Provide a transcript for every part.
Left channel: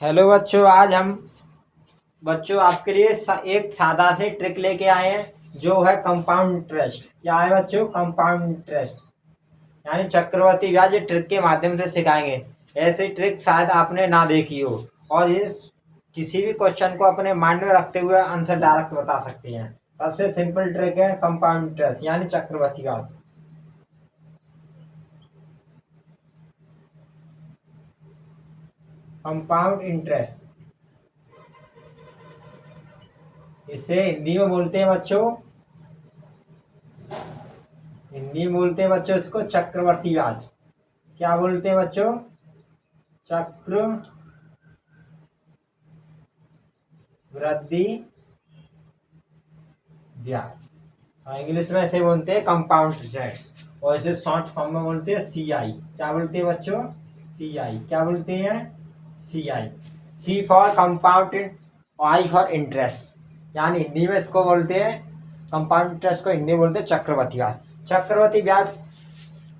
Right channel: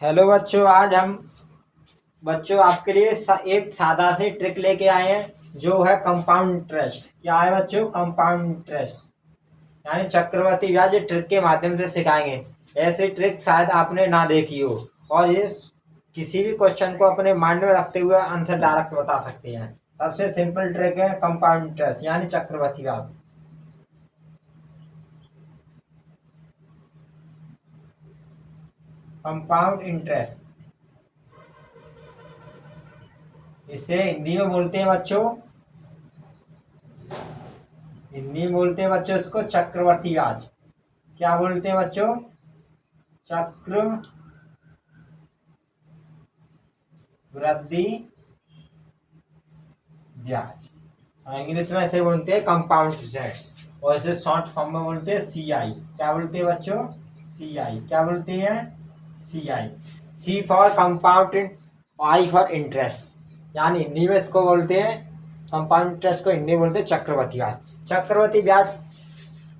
Hello बच्चों, आज हम बच्चों आपके लिए एक सादा से ट्रिक लेके आए हैं जो है कंपाउंड इंटरेस्ट। क्या है बच्चों? कंपाउंड इंटरेस्ट यानी चक्रवर्ती ब्याज ट्रिक के माध्यम से सिखाएंगे। ऐसी ट्रिक शायद आपने ना देखी हो और इस किसी भी क्वेश्चन को अपने माइंड में रखते हुए आंसर डायरेक्ट बता सकते हैं। सबसे सिंपल ट्रिक है कंपाउंड इंटरेस्ट यानी चक्रवर्ती ब्याज। कंपाउंड इंटरेस्ट इसे हिंदी में बोलते हैं बच्चों, हिंदी में बोलते हैं बच्चों इसको चक्रवर्ती ब्याज। क्या बोलते हैं बच्चों? चक्रवृद्धि ब्याज। इंग्लिश में इसे बोलते हैं कंपाउंड इंटरेस्ट और इसे शॉर्ट फॉर्म में बोलते हैं सीआई। क्या बोलते हैं बच्चों? सीआई। क्या बोलते हैं? CI. C for compound, I for interest. यानी हिंदी में इसको बोलते हैं कंपाउंड इंटरेस्ट को हिंदी में बोलते हैं चक्रवर्ती ब्याज। चक्रवर्ती ब्याज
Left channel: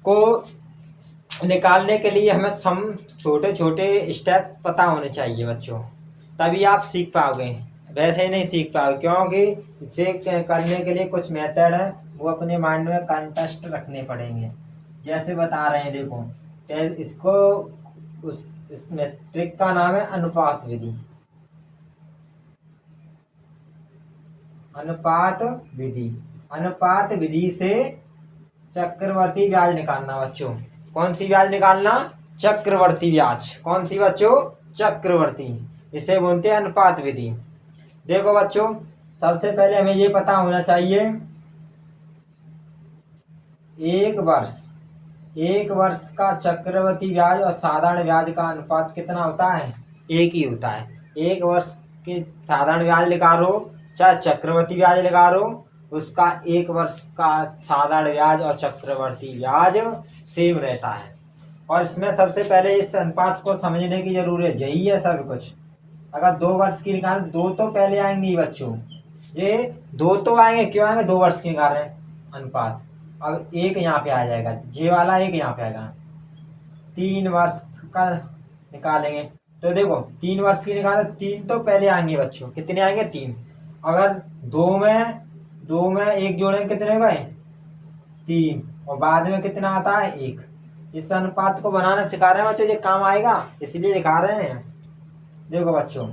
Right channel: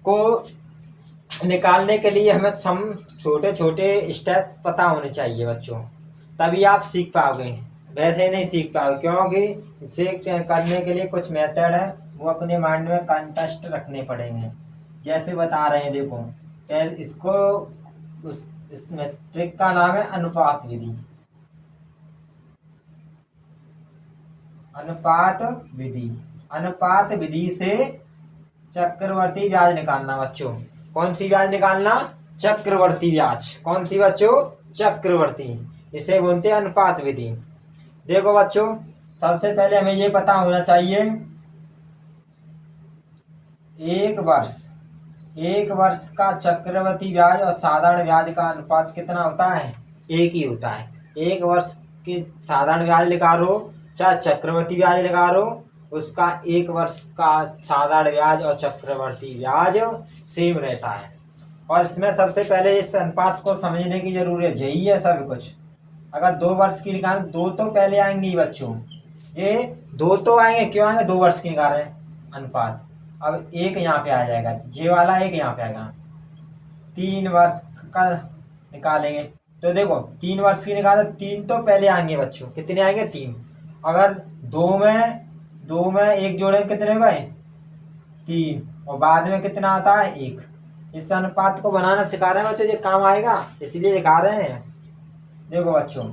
को निकालने के लिए हमें सम छोटे छोटे स्टेप पता होने चाहिए बच्चों, तभी आप सीख पाओगे। वैसे ही नहीं सीख पाओगे क्योंकि इसे करने के लिए कुछ मेथड है, वो अपने माइंड में कंटेस्ट रखने पड़ेंगे। जैसे बता रहे हैं, देखो इसको इस ट्रिक का नाम है अनुपात विधि। अनुपात विधि, अनुपात विधि से चक्रवर्ती ब्याज निकालना बच्चों। कौन सी ब्याज निकालना? चक्रवर्ती ब्याज। कौन सी बच्चों? चक्रवर्ती। इसे बोलते हैं अनुपात विधि। देखो बच्चों, सबसे पहले हमें ये पता होना चाहिए एक वर्ष का चक्रवर्ती ब्याज और साधारण ब्याज का अनुपात कितना होता है? एक ही होता है। एक वर्ष के साधारण ब्याज निकालो चाहे चक्रवर्ती ब्याज निकालो, उसका एक वर्ष का साधारण ब्याज और चक्रवर्ती ब्याज सेम रहता है। और इसमें सबसे पहले इस अनुपात को समझने की जरूरत है, यही है सब कुछ। अगर 2 वर्ष की निकाल, दो तो पहले आएंगे बच्चों, ये दो तो आएंगे। क्यों आएंगे? 2 वर्ष की निकाल रहे हैं अनुपात। अब एक यहाँ पे आ जाएगा, जे वाला एक यहाँ पे आएगा। 3 वर्ष का निकालेंगे तो देखो 3 वर्ष की निकाले, 3 तो पहले आएंगे बच्चों। कितने आएंगे? 3। अगर दो में एक जोड़े कितने हो गए? 3। और बाद में कितना आता है? 1। इस अनुपात को बनाना सिखा रहे हैं बच्चों, ये काम आएगा इसलिए दिखा रहे हैं। देखो बच्चों,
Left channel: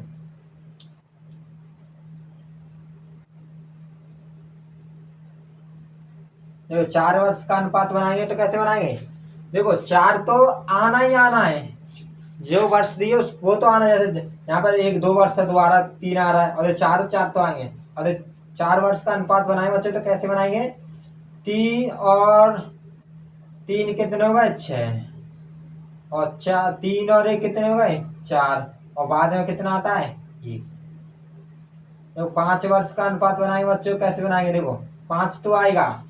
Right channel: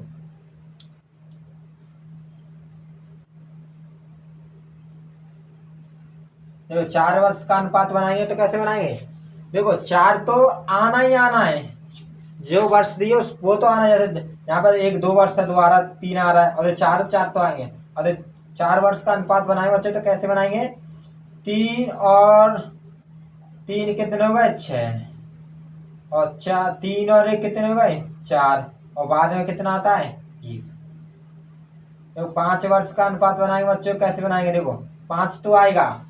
देखो 4 वर्ष का अनुपात बनाएंगे तो कैसे बनाएंगे? देखो 4 तो आना ही आना है, जो वर्ष दिए वो तो आना है। जैसे यहाँ पर 1 2 वर्ष है, दोबारा 3 आ रहा है और ये 4 4 तो आएंगे। और 4 वर्ष का अनुपात बनाएंगे बच्चे तो कैसे बनाएंगे? 3 और 3 कितने हो गए? 6। और 3 और 1 कितने हो गए? 4। और बाद में कितना आता है? 1। देखो 5 वर्ष का अनुपात बनाएंगे बच्चों, कैसे बनाएंगे? देखो 5 तो आएगा,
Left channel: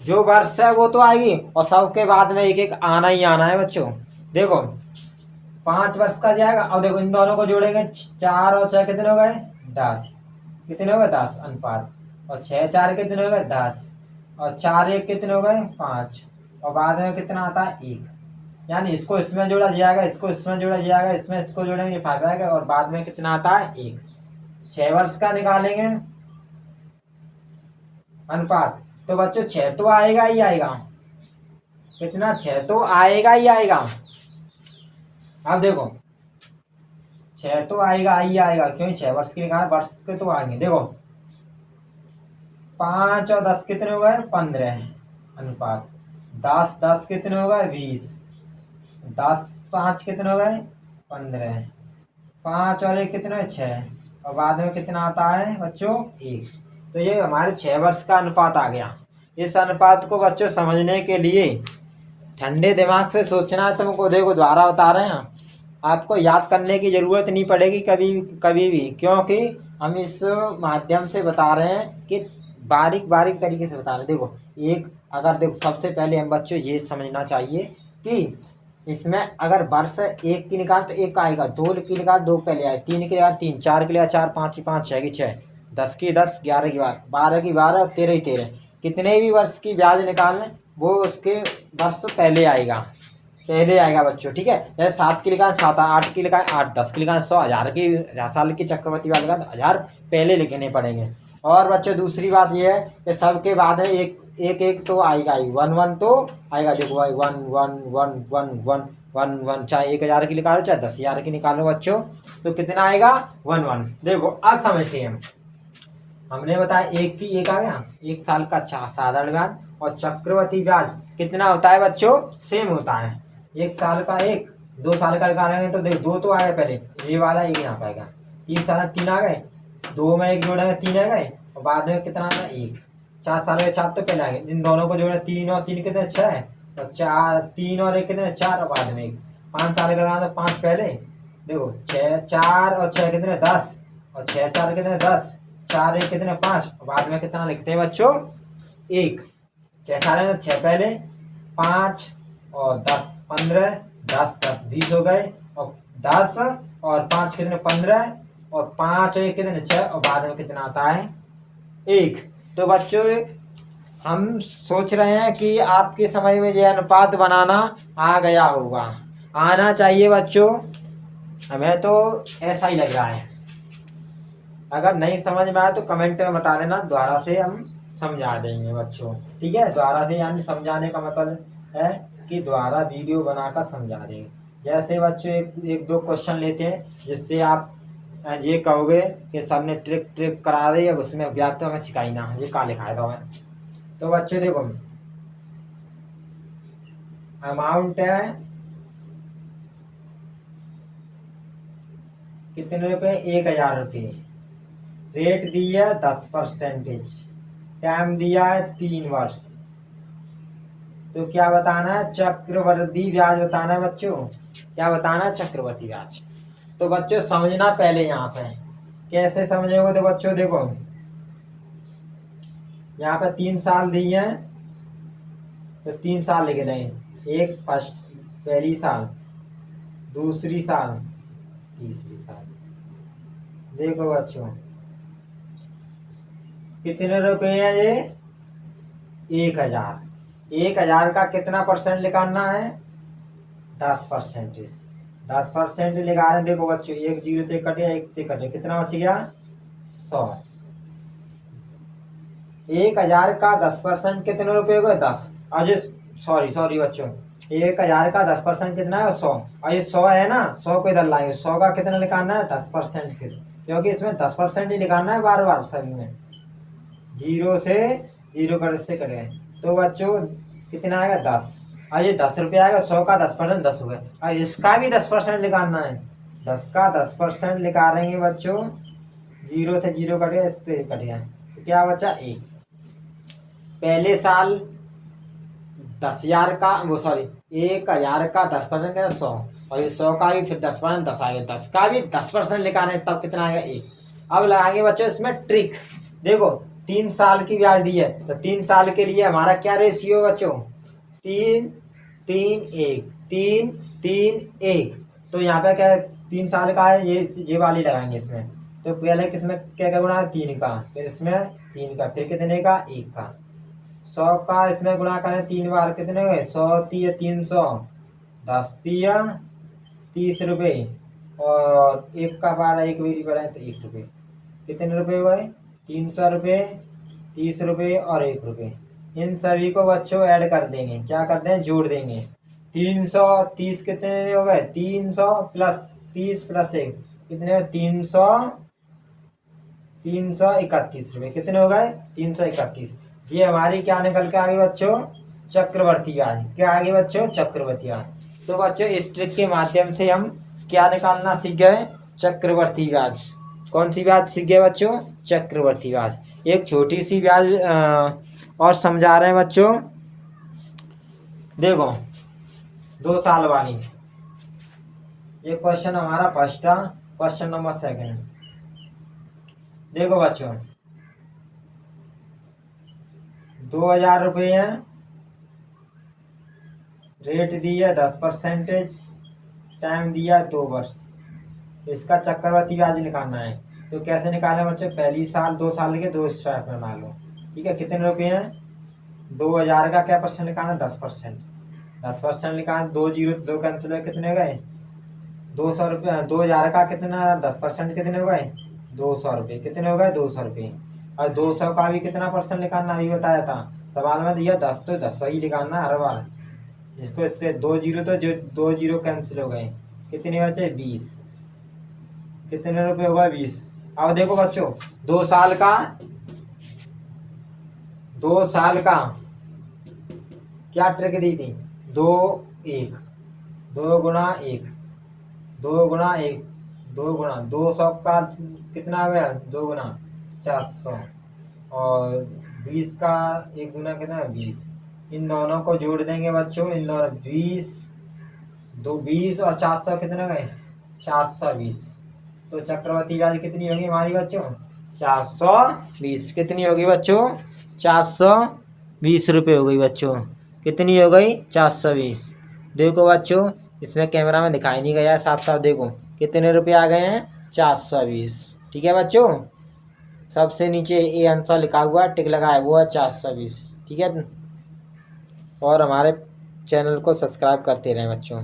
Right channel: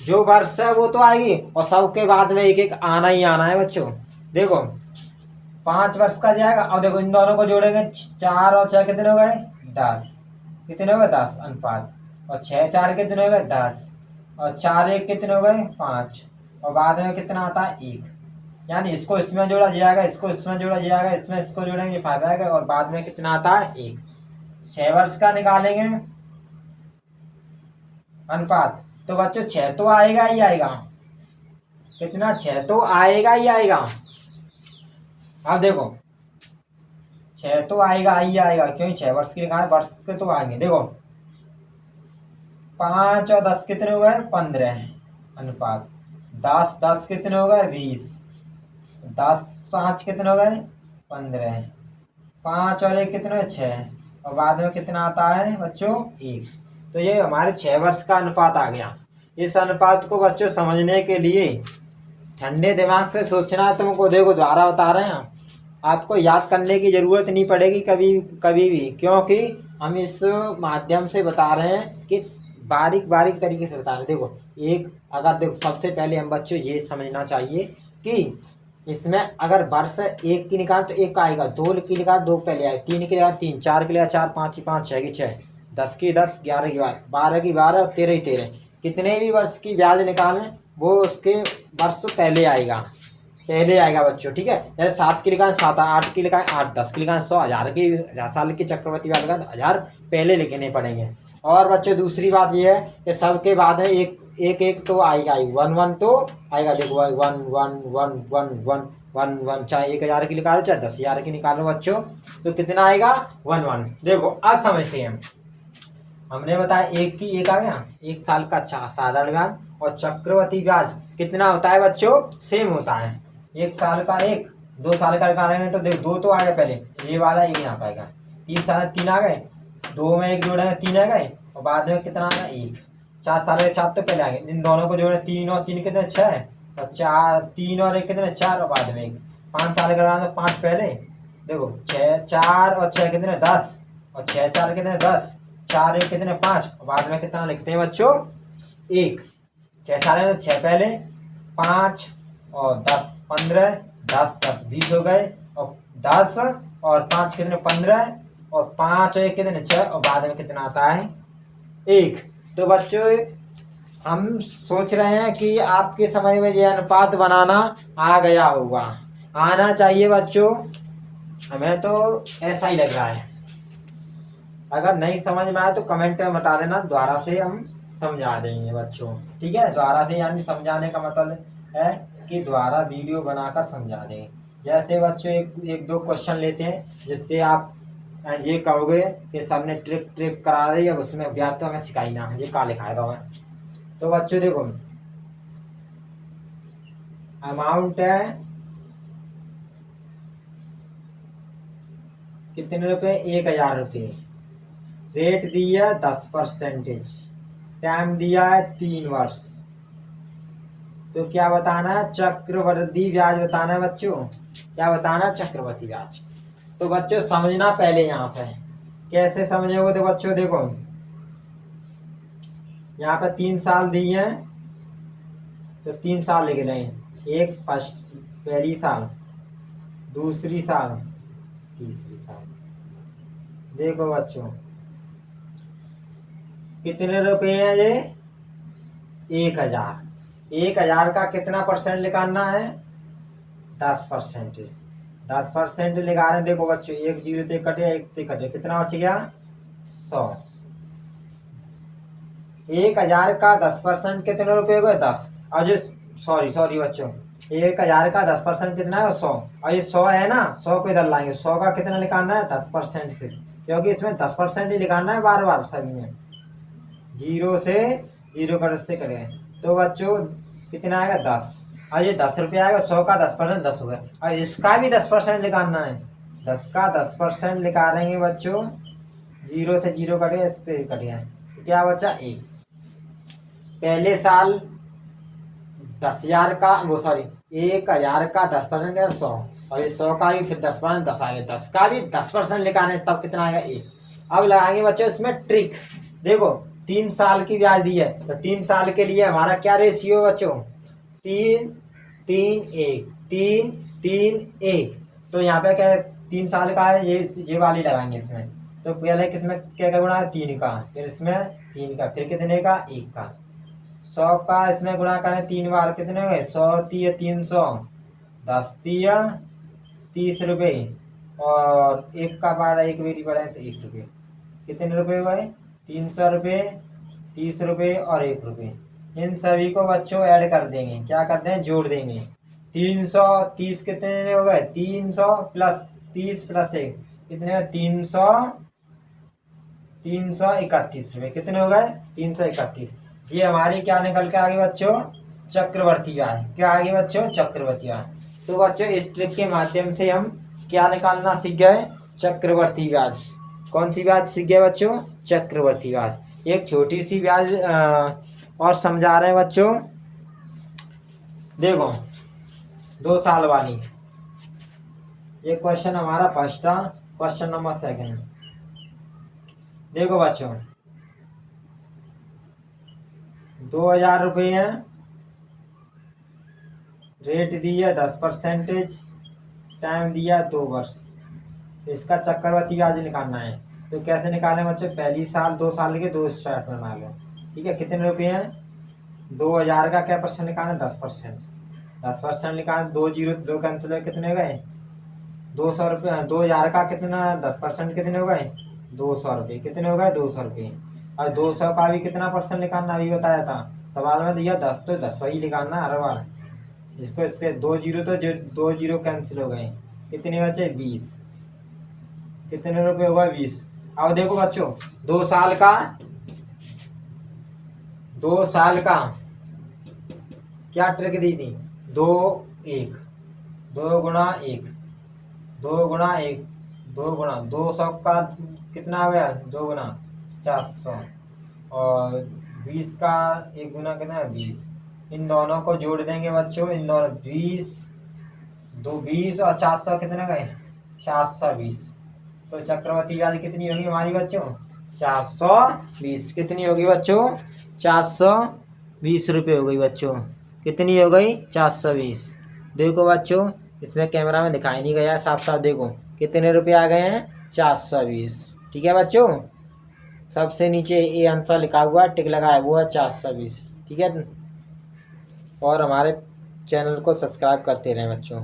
जो वर्ष है वो तो आएगी और सबके बाद में एक एक आना ही आना है बच्चों। देखो 5 वर्ष का जाएगा और देखो इन दोनों को जोड़ेंगे, 4 और 6 कितने हो गए? 10। कितने हो गए? 10 अनुपात। और 6 4 कितने हो गए? 10। और 4 1 कितने हो गए? 5। और बाद में कितना आता है? 1। यानी इसको इसमें जोड़ा जाएगा, इसको इसमें जोड़ा जाएगा, इसमें इसको जोड़ेंगे 5 आएगा और बाद में कितना आता है? 1। 6 वर्ष का निकालेंगे अनुपात तो बच्चों 6 तो आएगा ही आएगा। कितना? 6 तो आएगा ही आएगा। अब देखो 6 तो आएगा ही आएगा, क्योंकि 6 वर्ष की निकाल, वर्ष के तो आएंगे। देखो 5 और 10 कितने हो गए? 15 अनुपात। 10 10 कितने हो गए? 20। 10 5 कितने हो गए? 15। 5 और 1 कितने? 6। और बाद में कितना आता है बच्चों? 1। तो ये हमारे 6 वर्ष का अनुपात आ गया। इस अनुपात को बच्चों समझने के लिए ठंडे दिमाग से सोचना है तुमको। देखो द्वारा बता रहे हैं, आपको याद करने की जरूरत नहीं पड़ेगी कभी कभी भी, क्योंकि हम इस माध्यम से बता रहे हैं कि बारीक बारीक तरीके से बता रहे हैं। देखो अगर देखो सबसे पहले हम बच्चों ये समझना चाहिए कि इसमें अगर वर्ष 1 की निकाल तो 1 आएगा, 2 की निकाल 2 पहले आए, 3 की निकाल 3, 4 की निकाल 4, 5 की 5, 6 की 6, 10 की 10, 11 की 12, 12 की 12 और 13 की 13। कितने भी वर्ष की ब्याज निकालें वो उसके वर्ष पहले आएगा। पहले आएगा बच्चों, ठीक है। जैसे 7 की लिखा है 7, 8 की लिखा है 8, 10 की लिखा है 100, 1000 की 1000 साल की चक्रवर्ती व्याज लिखा है 1000 पहले लिखने पड़ेंगे। और बच्चों दूसरी बात ये है कि सबके बाद है एक एक एक तो आएगा ही, 1 1 तो आएगा। देखो भाई 1 1 1 1 1 1 1, चाहे 1000 की निकालो चाहे 10,000 की निकालो बच्चों, तो कितना आएगा 1 1। देखो अब समझते हैं हमने बताया एक की एक आ गया, 1 साल का साधारण ब्याज और चक्रवर्ती ब्याज कितना होता है बच्चों, सेम होता है। 1 साल का 1, 2 साल का निकालेंगे तो देखो 2 तो आएगा पहले, ये वाला एक यहाँ पाएगा, 3 साल 3 आ गए, 2 में 1 जोड़ेंगे 3 आ गए, और बाद में कितना आना 1। 4 साल के 4 तो पहले आएंगे, इन दोनों को जोड़े 3 और 3 कितने 6, और 4 3 और 1 कितने 4, और बाद में 1। 5 साल का तो 5 पहले, देखो 6 4 और 6 कितने 10, और 6 4 कितने 10, 4 1 कितने 5, और बाद में कितना लिखते हैं बच्चों 1। 6 साल में 6 पहले, 5 और 10 15, 10 10 20 हो गए, और 10 और 5 कितने 15, और 5 और 1 कितने 6, और बाद में कितना आता है 1। तो बच्चों हम सोच रहे हैं कि आपके समय में यह अनुपात बनाना आ गया होगा, आना चाहिए बच्चों, हमें तो ऐसा ही लग रहा है। अगर नहीं समझ में आया तो कमेंट में बता देना, दोबारा से हम समझा देंगे बच्चों, ठीक है। दोबारा से यानी समझाने का मतलब है कि दोबारा वीडियो बनाकर समझा दें। जैसे बच्चों एक दो क्वेश्चन लेते हैं जिससे आप ये कहोगे कि सर ने ट्रिक ट्रिक करा दी, अब उसमें ब्याज तो हमें सिखाई ना, ये का लिखाया था। तो बच्चों देखो अमाउंट है कितने रुपए, 1000 रुपये, रेट दी है 10%, टाइम दिया है 3 वर्ष। तो क्या बताना है, चक्रवर्ती ब्याज बताना है बच्चों, क्या बताना है चक्रवर्ती ब्याज। तो बच्चों समझना पहले यहाँ पे कैसे समझोगे, तो बच्चों देखो यहाँ पे 3 साल दिए हैं, तो 3 साल लिख रहे हैं, एक फर्स्ट पहली साल, दूसरी साल, तीसरी साल। देखो बच्चों कितने रुपए हैं ये, 1000। 1000 का कितना परसेंट निकालना है, 10%। 10% निकाल रहे हैं। देखो बच्चों 1 0 से कटे, 1 से कटे, कितना बच गया 100। 1000 का 10% कितने रुपए हो गए 10, और जो सॉरी बच्चों 1000 का 10% कितना है 100, और ये 100 है ना, 100 को इधर लाएंगे, 100 का कितना निकालना है 10%, फिर क्योंकि इसमें 10% ही निकालना है बार बार सभी में, 0 से 0 कट से कट गए। तो बच्चों कितना आएगा 10, और ये 10 रुपये आएगा, 100 का 10% 10 हो गया, और इसका भी 10% निकालना है, 10 का 10% निकालेंगे बच्चों, 0 से 0 कट गया, इससे कट गया, तो क्या बचा 1। पहले साल 10,000 का, वो सॉरी 1000 का 10% का 100, और ये 100 का भी फिर 10% 10 आएगा, 10 का भी 10% निकालें तब कितना आएगा 1। अब लगाएंगे बच्चों इसमें ट्रिक। देखो 3 साल की ब्याज दी है, तो 3 साल के लिए हमारा क्या रेशियो है बच्चों, 3 3 1 3 3 1। तो यहाँ पे क्या है 3 साल का है, ये वाली लगाएंगे इसमें। तो पहले किसमें क्या का गुणा है 3 का, फिर इसमें 3 का, फिर कितने का 1 का। 100 का इसमें गुणा करें 3 बार, कितने हुए 100 3 300, 10 दिया 30 रुपये, और 1 का बार 1 बेरी बढ़ाए तो 1 रुपये, कितने रुपये हुए 300 रुपये, 30 रुपये और 1 रुपये। इन सभी को बच्चों ऐड कर देंगे, क्या करते हैं जोड़ देंगे। 330 कितने हो गए, 300 प्लस 30 प्लस 1 कितने, 331 रुपये, कितने हो गए 331। ये हमारी क्या निकल के आगे बच्चों, चक्रवर्ती ब्याज। क्या आगे बच्चों, चक्रवर्ती ब्याज। तो बच्चों इस ट्रिक के माध्यम से हम क्या निकालना सीख गए, चक्रवर्ती ब्याज। कौन सी ब्याज सीख गए बच्चों, चक्रवर्ती ब्याज। एक छोटी सी ब्याज और समझा रहे हैं बच्चों। देखो 2 साल वाली, ये क्वेश्चन हमारा फर्स्ट था, क्वेश्चन नंबर 2। देखो बच्चों 2000 रुपये है, रेट दी है 10%, टाइम दिया 2 वर्ष। इसका चक्रवर्ती ब्याज निकालना है। तो कैसे निकालें बच्चों, पहली साल 2 साल के 2 स्टार्ट बना लो, ठीक है। कितने रुपये हैं, 2000 का क्या परसेंट निकालना, 10%। 10% लिखा है, 2 जीरो 2 कैंसिल हुए, कितने हो गए 200 रुपये। 2000 का कितना 10% कितने हो गए 200 रुपये, कितने हो गए 200 रुपये। और 200 का भी कितना परसेंट निकालना अभी बताया था सवाल में दिया 10, तो 10 ही निकालना हर बार। इसको इसके 2 जीरो तो 2 जीरो कैंसिल हो गए, कितने बचे 20, कितने रुपये हो गए 20। अब देखो बच्चों 2 साल का 2 साल का क्या ट्रिक दी थी 2 1 2 गुणा 1 2 गुणा 1 2 गुणा 200 का कितना आ गया 2 गुना 400 और 20 का 1 गुना कितना है 20। इन दोनों को जोड़ देंगे बच्चों, इन दोनों 20 और 400 कितने गए 420। तो चक्रवर्ती ब्याज कितनी होगी हमारी बच्चों 420। कितनी होगी बच्चों 420 रुपये हो गई बच्चों, कितनी हो गई 420। देखो बच्चों इसमें कैमरा में दिखाई नहीं गया, साफ साफ देखो कितने रुपये आ गए हैं 420। ठीक है बच्चों, सबसे नीचे ये आंसर लिखा हुआ टिक लगा है वो है 420। ठीक है, और हमारे चैनल को सब्सक्राइब करते रहें बच्चों।